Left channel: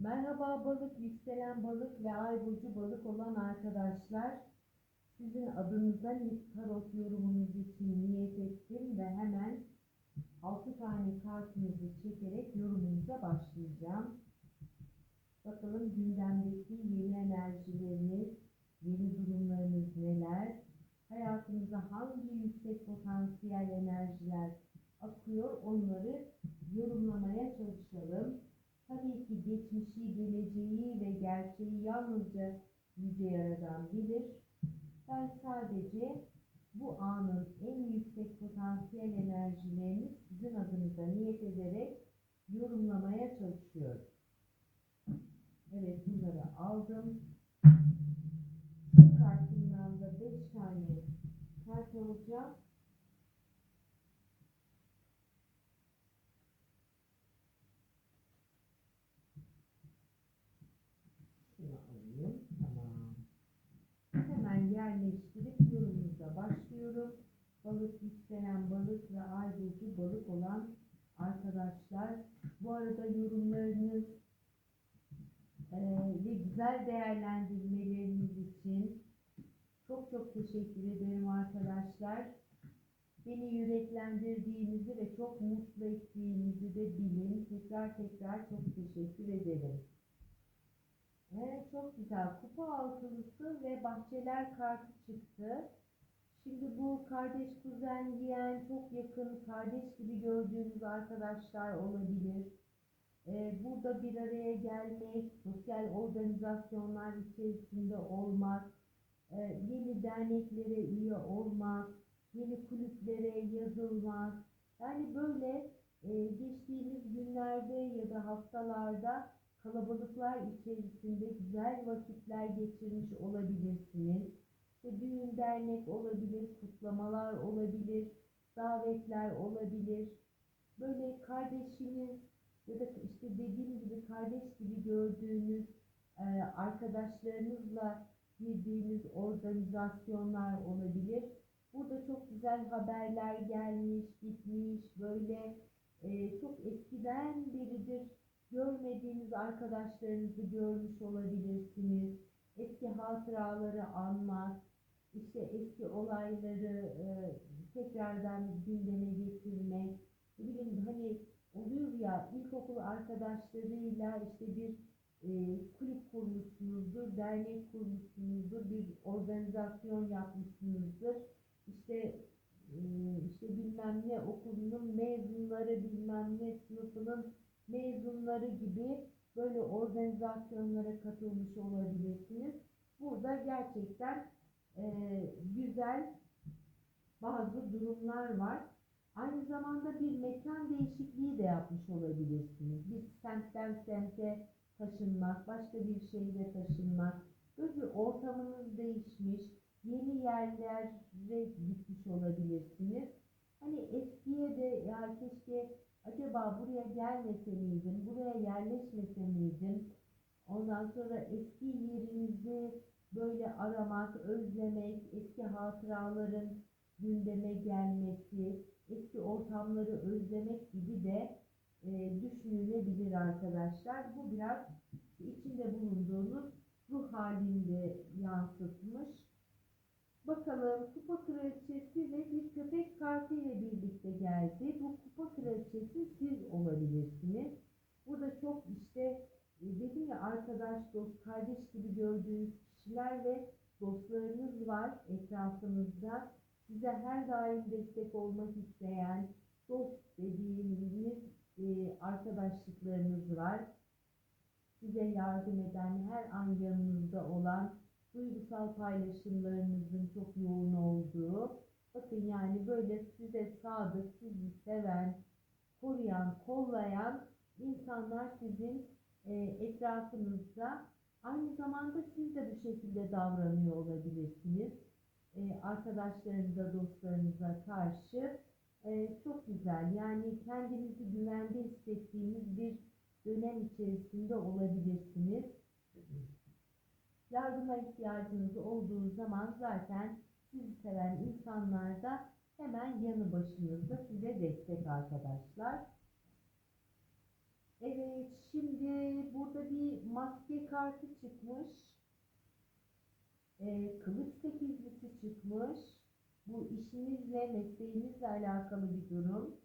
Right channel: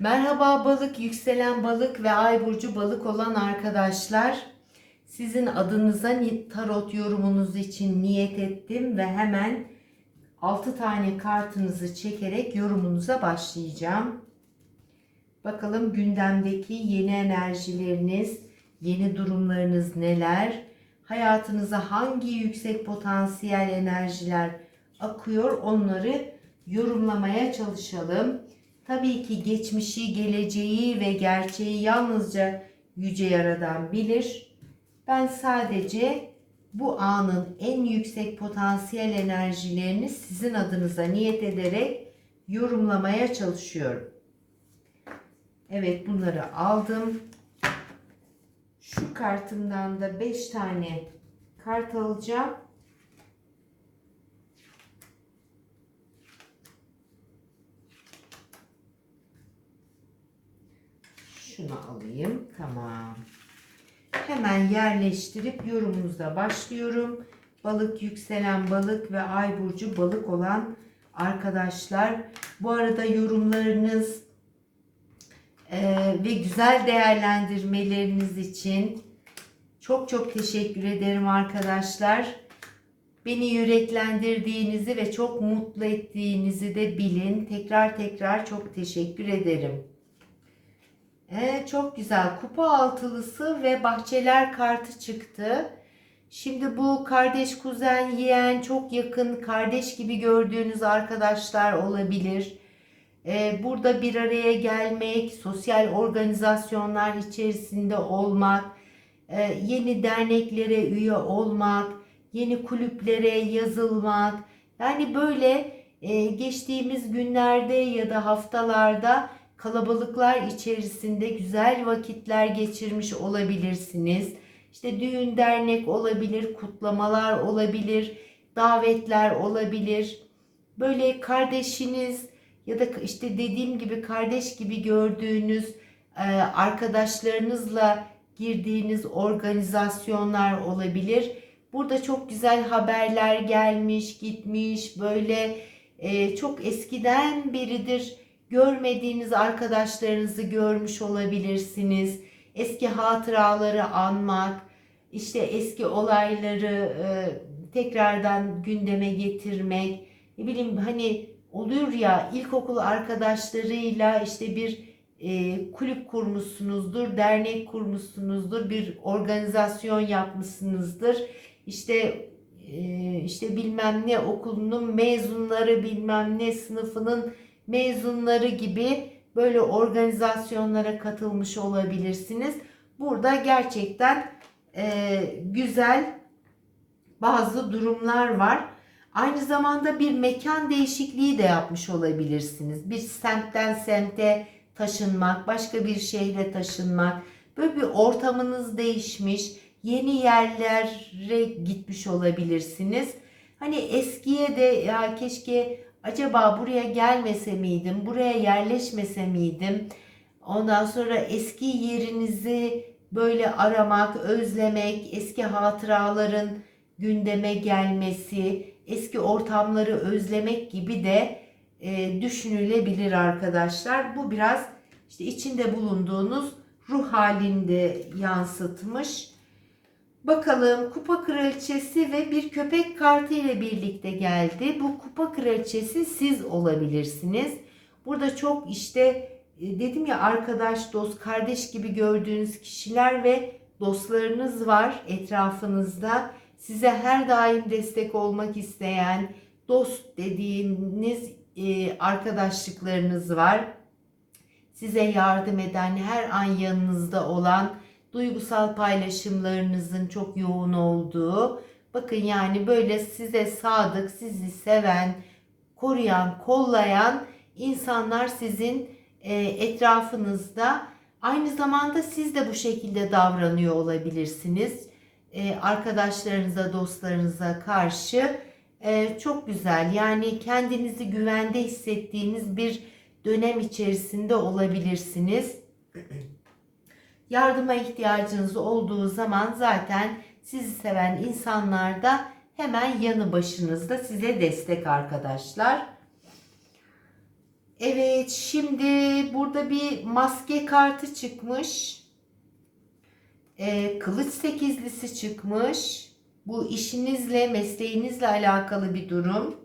Merhaba balık, yükselen balık ve ay burcu balık olan arkadaşlar. Sizin adınıza tarot yorumunuz için niyet ettim ve hemen 6 tane kartınızı çekerek yorumunuza başlayacağım. Bakalım gündemdeki yeni enerjileriniz, yeni durumlarınız neler? Hayatınıza hangi yüksek potansiyel enerjiler akıyor onları yorumlamaya çalışalım. Tabii ki geçmişi, geleceği ve gerçeği yalnızca Yüce Yaradan bilir. Ben sadece bu anın en yüksek potansiyel enerjilerini sizin adınıza niyet ederek yorumlamaya çalışıyorum. Evet bunları aldım. Şu kartımdan da 5 tane kart alacağım. Şunu alayım. Tamam. Hemen yerleştirip yorumumuza başlıyorum. Balık, yükselen balık ve ay burcu balık olan arkadaşlar. Bu arada yorumlarınız eee, ve güzel değerlendirmeleriniz için çok çok teşekkür ederim arkadaşlar. Beni yüreklendirdiğinizi ve çok mutlu ettiğinizi de bilin. Tekrar tekrar çok teşekkür ederim. Evet, çok güzel. Kupa altılısı ve bahçeler kartı çıktı. Şimdi bu kardeş, kuzen, yeğen, çok yakın kardeş gibi gördüğünüz arkadaşlar olabilir. Ee, burada bir araya gelmek, sosyal organizasyonlar içerisinde olmak, e, yeni derneklere üye olmak, yeni kulüplere yazılmak. Yani böyle e, geçtiğimiz günlerde ya da haftalarda kalabalıklar içerisinde güzel vakitler geçirmiş olabilirsiniz. İşte düğün dernek olabilir, kutlamalar olabilir, davetler olabilir. Böyle kardeşiniz ya da işte dediğim gibi kardeş gibi gördüğünüz e, arkadaşlarınızla girdiğiniz organizasyonlar olabilir. Burada çok güzel haberler gelmiş, gitmiş, böyle e, çok eskiden beridir görmediğiniz arkadaşlarınızı görmüş olabilirsiniz. Eski hatıraları anmak, işte eski olayları e, tekrardan gündeme getirmek. Ne bileyim hani oluyor ya ilkokul arkadaşlarıyla işte bir e, kulüp kurmuşsunuzdur, dernek kurmuşsunuzdur, bir organizasyon yapmışsınızdır. İşte e, işte bilmem ne okulunun mezunları, bilmem ne sınıfının mezunları gibi böyle organizasyonlara katılmış olabilirsiniz. Burada gerçekten e, güzel bazı durumlar var. Aynı zamanda bir mekan değişikliği de yapmış olabilirsiniz. Bir semtten semte taşınmak, başka bir şehre taşınmak, böyle bir ortamınız değişmiş, yeni yerlere gitmiş olabilirsiniz. Hani eskiye de ya keşke acaba buraya gelmese miydim, buraya yerleşmese miydim? Ondan sonra eski yerinizi böyle aramak, özlemek, eski hatıraların gündeme gelmesi, eski ortamları özlemek gibi de e, düşünülebilir arkadaşlar. Bu biraz işte içinde bulunduğunuz ruh halinde yansıtmış. Bakalım kupa kraliçesi ve bir köpek kartı ile birlikte geldi. Bu kupa kraliçesi siz olabilirsiniz. Burada çok işte e, dedim ya arkadaş, dost, kardeş gibi gördüğünüz kişiler ve dostlarınız var etrafınızda. Size her daim destek olmak isteyen dost dediğiniz e, arkadaşlıklarınız var. Size yardım eden, her an yanınızda olan duygusal paylaşımlarınızın çok yoğun olduğu, bakın yani böyle size sadık, sizi seven, koruyan, kollayan insanlar sizin e, etrafınızda. Aynı zamanda siz de bu şekilde davranıyor olabilirsiniz. E, arkadaşlarınıza, dostlarınıza karşı e, çok güzel. Yani kendinizi güvende hissettiğiniz bir dönem içerisinde olabilirsiniz. Yardıma ihtiyacınız olduğu zaman zaten sizi seven insanlar da hemen yanı başınızda size destek arkadaşlar. Evet, şimdi burada bir maske kartı çıkmış. Ee, kılıç sekizlisi çıkmış. Bu işinizle, mesleğinizle alakalı bir durum.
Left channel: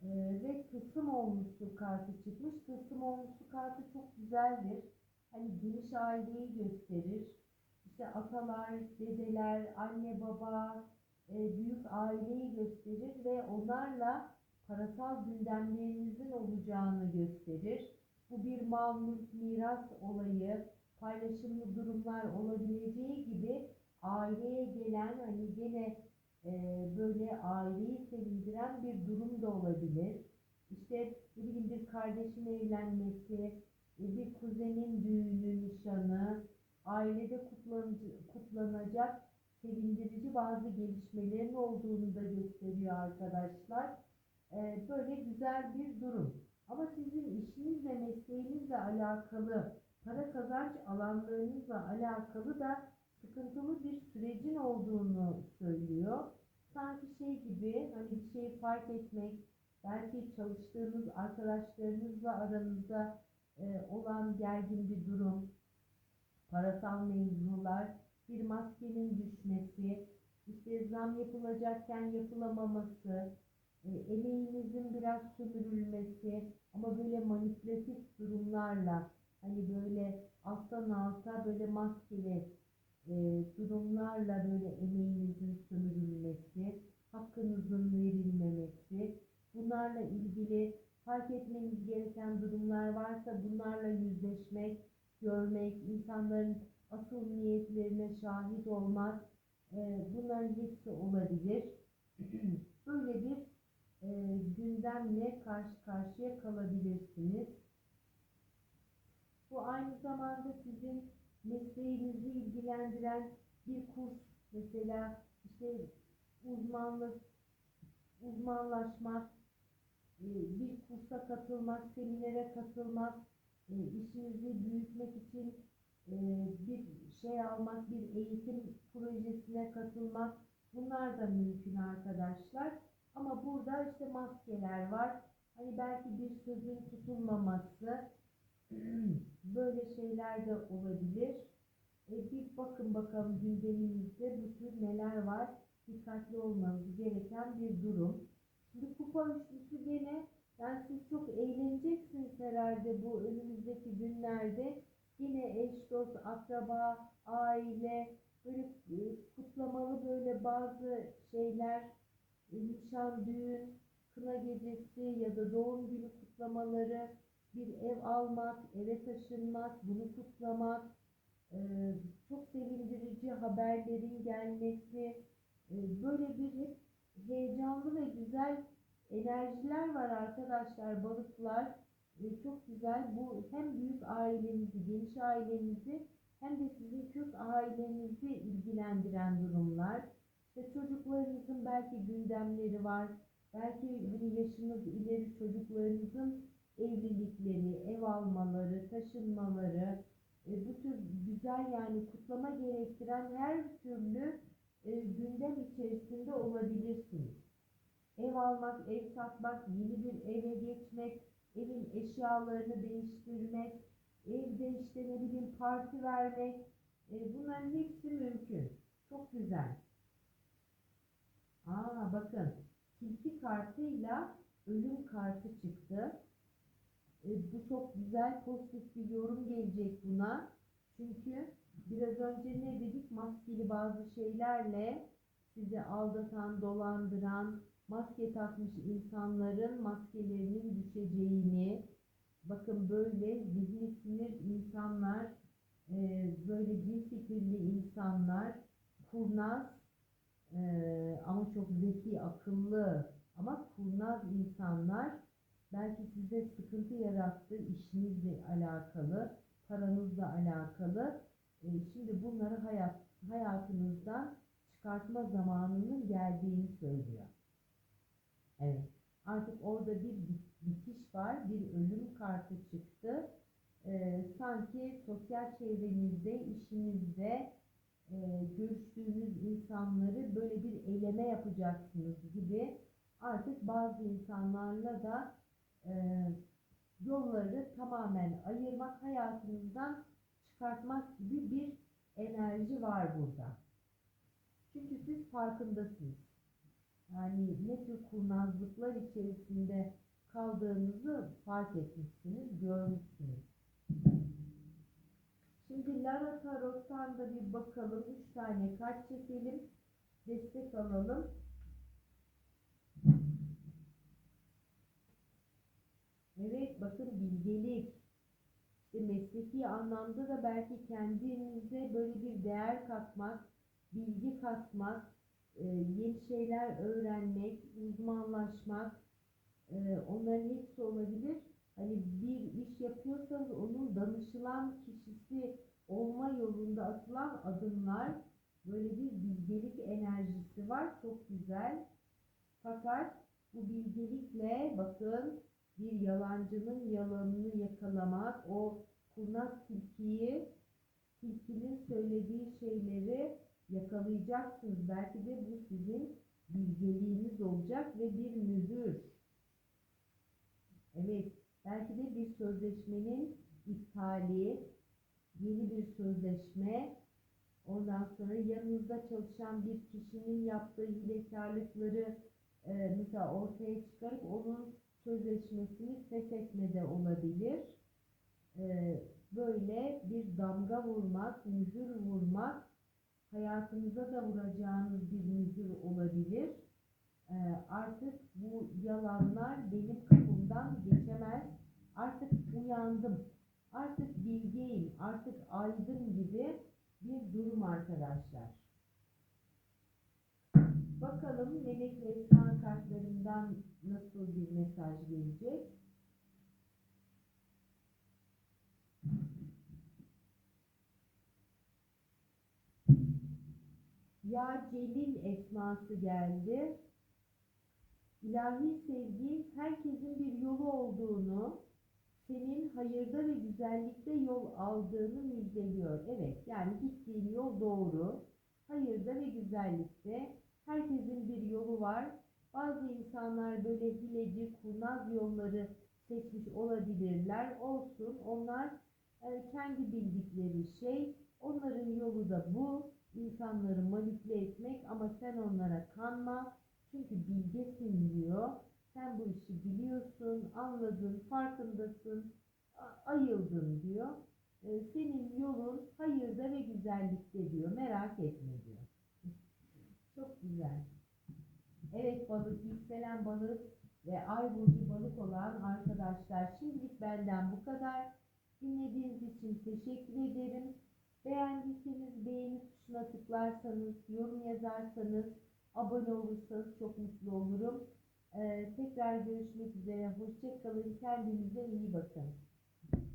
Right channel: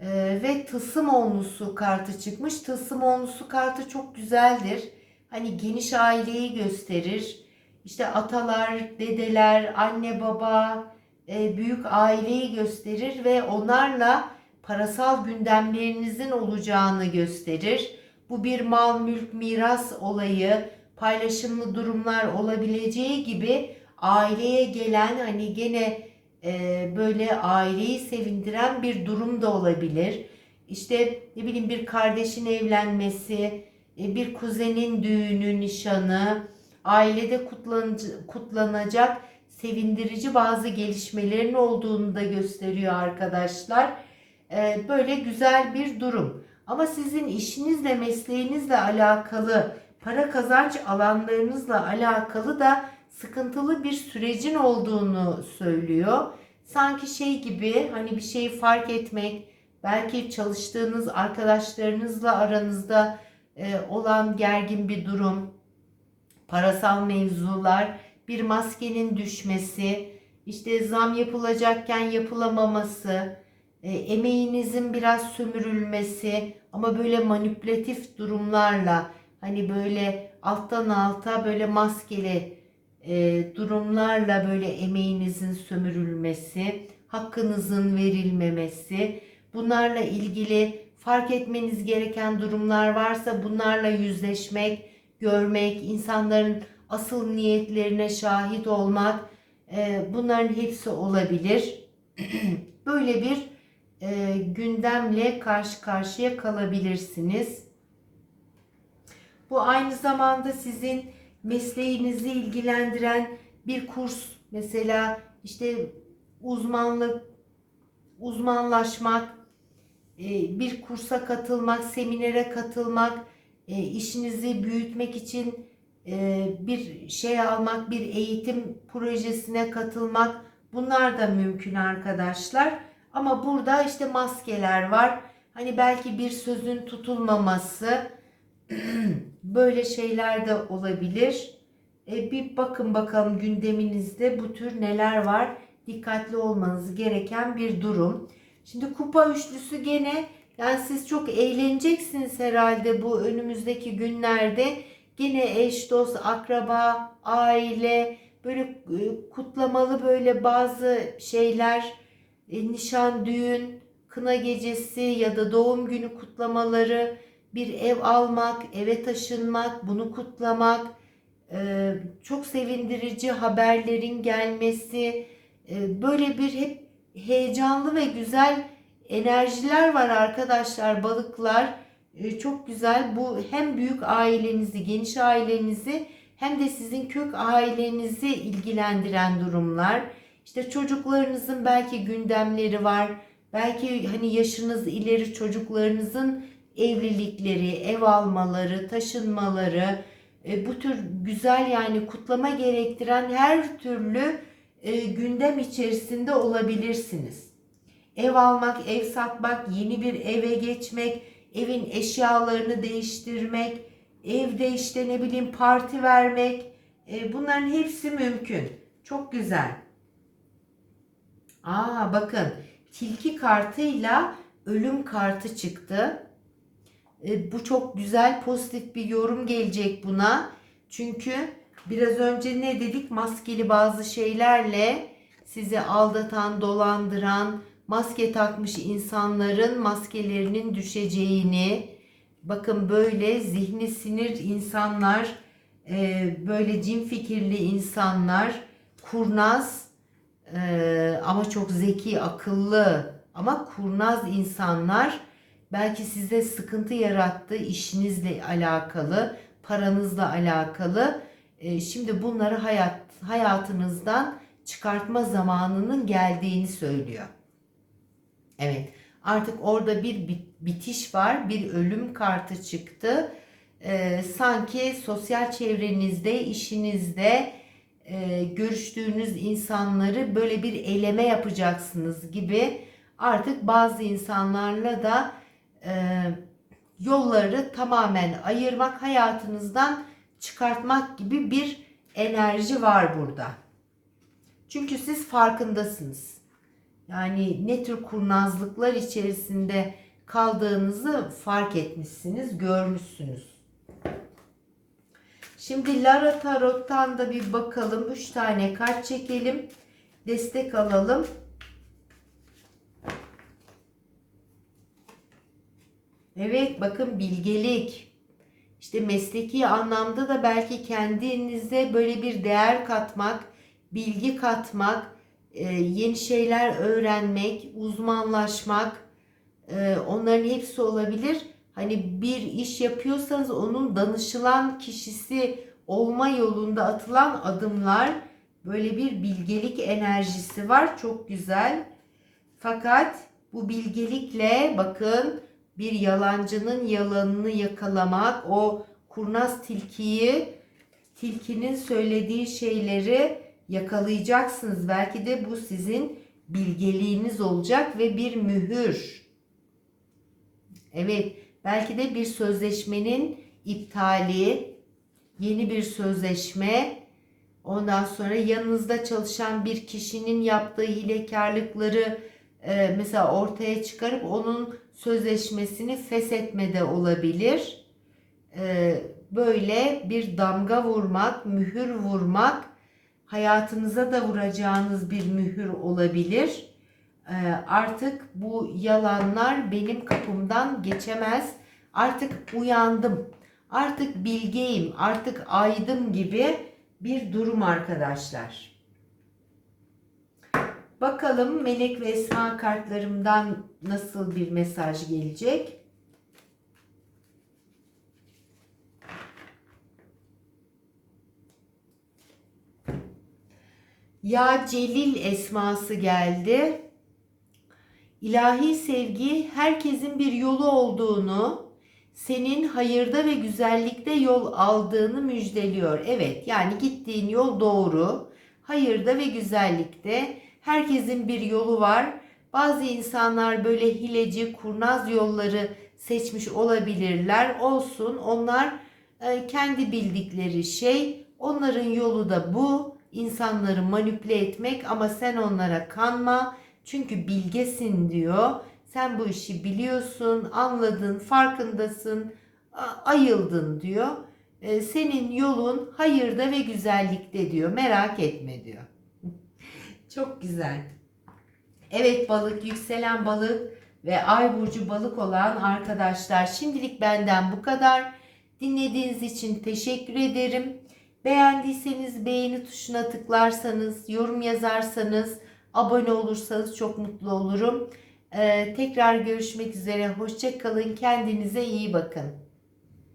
Ee, ve tılsım onlusu kartı çıkmış. Tılsım onlusu kartı çok güzeldir. Hani geniş aileyi gösterir. İşte atalar, dedeler, anne baba, e, büyük aileyi gösterir ve onlarla parasal gündemlerinizin olacağını gösterir. Bu bir mal, mülk, miras olayı, paylaşımlı durumlar olabileceği gibi aileye gelen hani gene e, böyle aileyi sevindiren bir durum da olabilir. İşte ne bileyim bir kardeşin evlenmesi, bir kuzenin düğünü, nişanı, ailede kutlanacak sevindirici bazı gelişmelerin olduğunu da gösteriyor arkadaşlar. E, Böyle güzel bir durum. Ama sizin işinizle, mesleğinizle alakalı, para kazanç alanlarınızla alakalı da sıkıntılı bir sürecin olduğunu söylüyor. Sanki şey gibi hani bir şeyi fark etmek, belki çalıştığınız arkadaşlarınızla aranızda e, olan gergin bir durum, parasal mevzular, bir maskenin düşmesi, işte zam yapılacakken yapılamaması, e, emeğinizin biraz sömürülmesi ama böyle manipülatif durumlarla hani böyle alttan alta böyle maskeli e, durumlarla böyle emeğinizin sömürülmesi, hakkınızın verilmemesi, bunlarla ilgili fark etmeniz gereken durumlar varsa bunlarla yüzleşmek, görmek, insanların asıl niyetlerine şahit olmak, e, bunların hepsi olabilir. Böyle bir e, gündemle karşı karşıya kalabilirsiniz. Bu aynı zamanda sizin mesleğinizi ilgilendiren bir kurs mesela işte uzmanlık uzmanlaşmak bir kursa katılmak seminere katılmak e, işinizi büyütmek için e, bir şey almak bir eğitim projesine katılmak bunlar da mümkün arkadaşlar ama burada işte maskeler var hani belki bir sözün tutulmaması böyle şeyler de olabilir. E, bir bakın bakalım gündeminizde bu tür neler var. Dikkatli olmanız gereken bir durum. Şimdi kupa üçlüsü gene yani siz çok eğleneceksiniz herhalde bu önümüzdeki günlerde. Gene eş, dost, akraba, aile böyle e, kutlamalı böyle bazı şeyler e, nişan, düğün, kına gecesi ya da doğum günü kutlamaları bir ev almak, eve taşınmak, bunu kutlamak, e, çok sevindirici haberlerin gelmesi, böyle bir hep heyecanlı ve güzel enerjiler var arkadaşlar balıklar. E, Çok güzel bu hem büyük ailenizi, geniş ailenizi hem de sizin kök ailenizi ilgilendiren durumlar. İşte çocuklarınızın belki gündemleri var. Belki hani yaşınız ileri çocuklarınızın evlilikleri, ev almaları, taşınmaları, e, bu tür güzel yani kutlama gerektiren her türlü e, gündem içerisinde olabilirsiniz. Ev almak, ev satmak, yeni bir eve geçmek, evin eşyalarını değiştirmek, evde işte ne bileyim parti vermek, e, bunların hepsi mümkün. Çok güzel. Aa bakın tilki kartıyla ölüm kartı çıktı. E, bu çok güzel pozitif bir yorum gelecek buna. Çünkü biraz önce ne dedik? Maskeli bazı şeylerle sizi aldatan, dolandıran, maske takmış insanların maskelerinin düşeceğini, bakın böyle zihni sinir insanlar, e, böyle cin fikirli insanlar, kurnaz e, ama çok zeki, akıllı ama kurnaz insanlar belki size sıkıntı yarattı işinizle alakalı, paranızla alakalı. E, şimdi bunları hayat hayatınızdan çıkartma zamanının geldiğini söylüyor. Evet, artık orada bir bit- bitiş var, bir ölüm kartı çıktı. E, sanki sosyal çevrenizde, işinizde e, görüştüğünüz insanları böyle bir eleme yapacaksınız gibi artık bazı insanlarla da e, yolları tamamen ayırmak, hayatınızdan çıkartmak gibi bir enerji var burada. Çünkü siz farkındasınız. Yani ne tür kurnazlıklar içerisinde kaldığınızı fark etmişsiniz, görmüşsünüz. Şimdi Lara Tarot'tan da bir bakalım. 3 tane kart çekelim. Destek alalım. Evet bakın bilgelik. İşte mesleki anlamda da belki kendinize böyle bir değer katmak, bilgi katmak, e, yeni şeyler öğrenmek, uzmanlaşmak e, onların hepsi olabilir. Hani bir iş yapıyorsanız onun danışılan kişisi olma yolunda atılan adımlar böyle bir bilgelik enerjisi var. Çok güzel. Fakat bu bilgelikle bakın bir yalancının yalanını yakalamak, o kurnaz tilkiyi, tilkinin söylediği şeyleri yakalayacaksınız. Belki de bu sizin bilgeliğiniz olacak ve bir mühür. Evet, belki de bir sözleşmenin iptali, yeni bir sözleşme, ondan sonra yanınızda çalışan bir kişinin yaptığı hilekarlıkları e, mesela ortaya çıkarıp onun sözleşmesini feshetme de olabilir. E, böyle bir damga vurmak, mühür vurmak hayatınıza da vuracağınız bir mühür olabilir. E, artık bu yalanlar benim kapımdan geçemez. Artık uyandım. Artık bilgeyim, artık aydım gibi bir durum arkadaşlar. Bakalım melek ve esma kartlarımdan nasıl bir mesaj gelecek? Ya Celil esması geldi. İlahi sevgi herkesin bir yolu olduğunu, senin hayırda ve güzellikte yol aldığını müjdeliyor. Evet, yani gittiğin yol doğru. Hayırda ve güzellikte herkesin bir yolu var. Bazı insanlar böyle hileci, kurnaz yolları seçmiş olabilirler. Olsun. Onlar e, kendi bildikleri şey. Onların yolu da bu. İnsanları manipüle etmek ama sen onlara kanma. Çünkü bilgesin diyor. Sen bu işi biliyorsun, anladın, farkındasın, ayıldın diyor. E, senin yolun hayırda ve güzellikte diyor. Merak etme diyor. Çok güzel. Evet balık, yükselen balık ve ay burcu balık olan arkadaşlar şimdilik benden bu kadar. Dinlediğiniz için teşekkür ederim. Beğendiyseniz beğeni tuşuna tıklarsanız, yorum yazarsanız, abone olursanız çok mutlu olurum. Ee, tekrar görüşmek üzere. Hoşçakalın. Kendinize iyi bakın.